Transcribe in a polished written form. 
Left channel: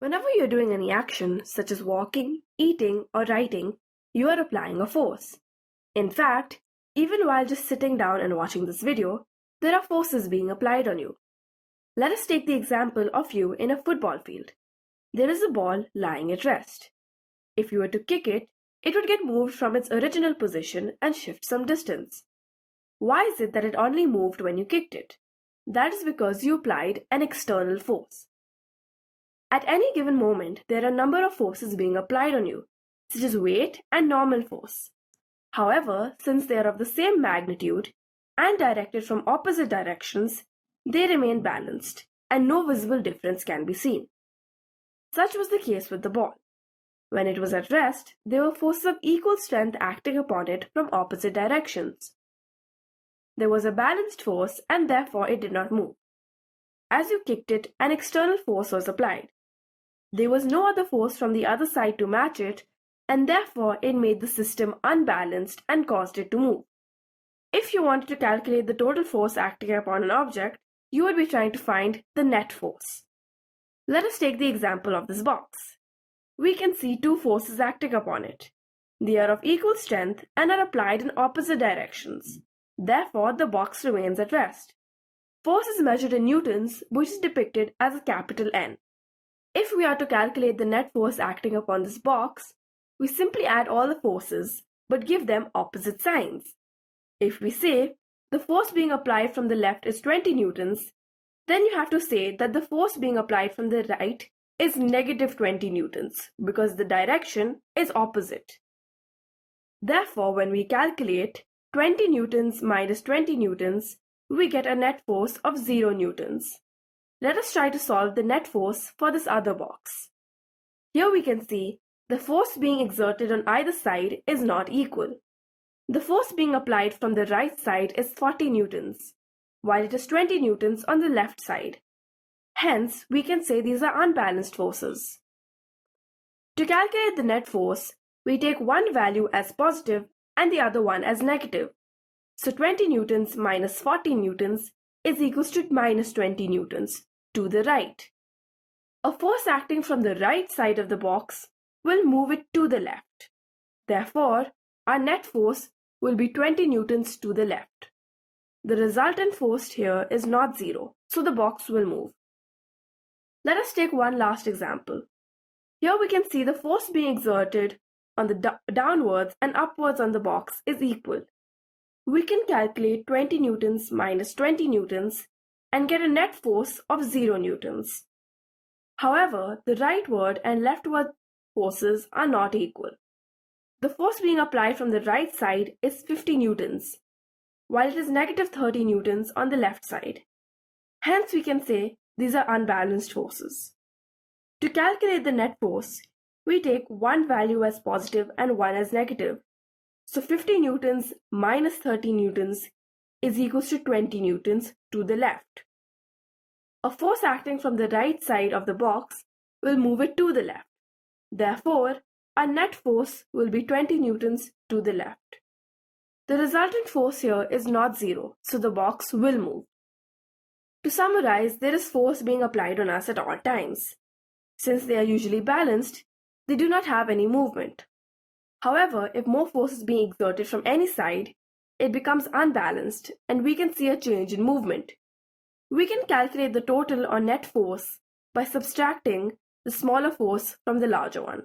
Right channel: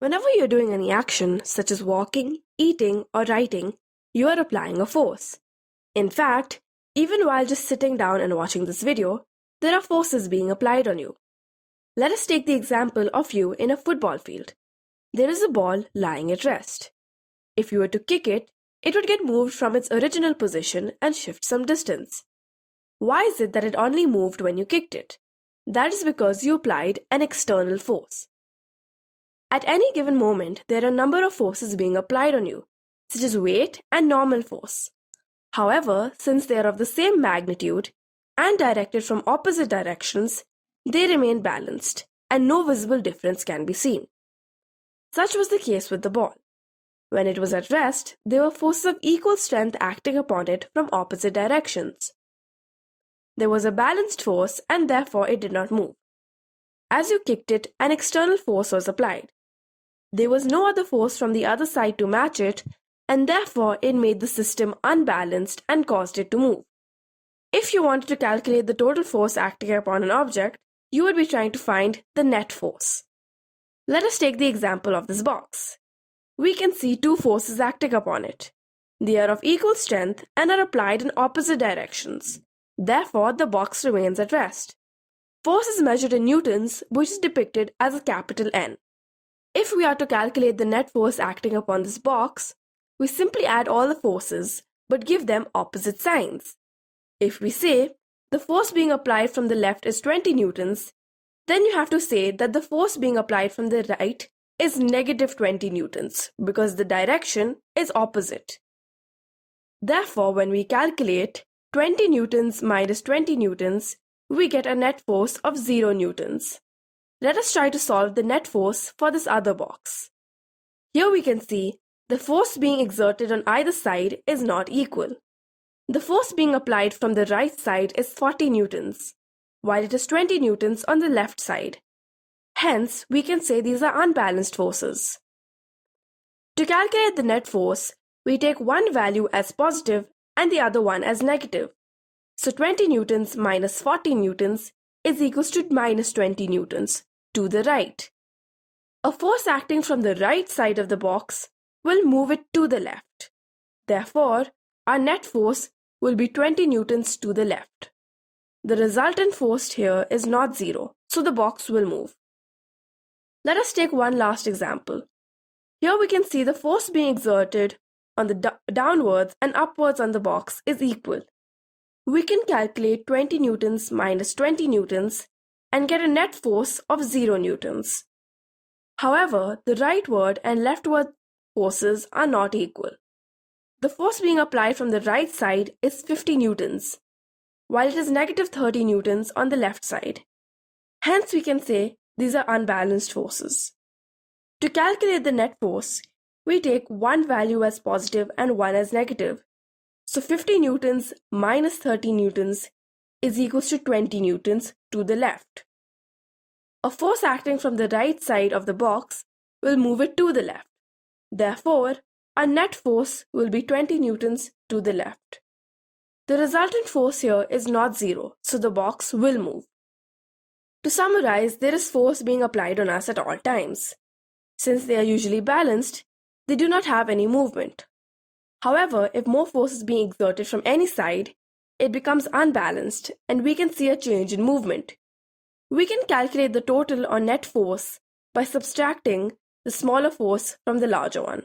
Whenever you're doing any action, such as walking, eating, or writing, you are applying a force. In fact, even while just sitting down and watching this video, there are forces being applied on you. Let us take the example of you in a football field. There is a ball lying at rest. If you were to kick it, it would get moved from its original position and shift some distance. Why is it that it only moved when you kicked it? That is because you applied an external force. At any given moment, there are a number of forces being applied on you, such as weight and normal force. However, since they are of the same magnitude and directed from opposite directions, they remain balanced and no visible difference can be seen. Such was the case with the ball. When it was at rest, there were forces of equal strength acting upon it from opposite directions. There was a balanced force and therefore it did not move. As you kicked it, an external force was applied. There was no other force from the other side to match it, and therefore it made the system unbalanced and caused it to move. If you wanted to calculate the total force acting upon an object, you would be trying to find the net force. Let us take the example of this box. We can see two forces acting upon it. They are of equal strength and are applied in opposite directions. Therefore, the box remains at rest. Force is measured in newtons, which is depicted as a capital N. If we are to calculate the net force acting upon this box, we simply add all the forces but give them opposite signs. If we say the force being applied from the left is 20 newtons, then you have to say that the force being applied from the right is negative 20 newtons because the direction is opposite. Therefore, when we calculate 20 newtons minus 20 newtons, we get a net force of 0 newtons. Let us try to solve the net force for this other box. Here we can see the force being exerted on either side is not equal. The force being applied from the right side is 40 newtons, while it is 20 newtons on the left side. Hence, we can say these are unbalanced forces. To calculate the net force, we take one value as positive and the other one as negative. So 20 newtons minus 40 newtons is equals to minus 20 newtons to the right. A force acting from the right side of the box will move it to the left. Therefore, our net force will be 20 newtons to the left. The resultant force here is not zero, so the box will move. Let us take one last example. Here we can see the force being exerted on the downwards and upwards on the box is equal. We can calculate 20 newtons minus 20 newtons and get a net force of 0 newtons. However, the rightward and leftward forces are not equal. The force being applied from the right side is 50 newtons, while it is negative 30 newtons on the left side. Hence, we can say these are unbalanced forces. To calculate the net force, we take one value as positive and one as negative. So 50 newtons minus 30 newtons is equals to 20 newtons to the left. A force acting from the right side of the box will move it to the left. Therefore, our net force will be 20 newtons to the left. The resultant force here is not zero, so the box will move. To summarize, there is force being applied on us at all times. Since they are usually balanced, they do not have any movement. However, if more force is being exerted from any side, it becomes unbalanced and we can see a change in movement. We can calculate the total or net force by subtracting the smaller force from the larger one.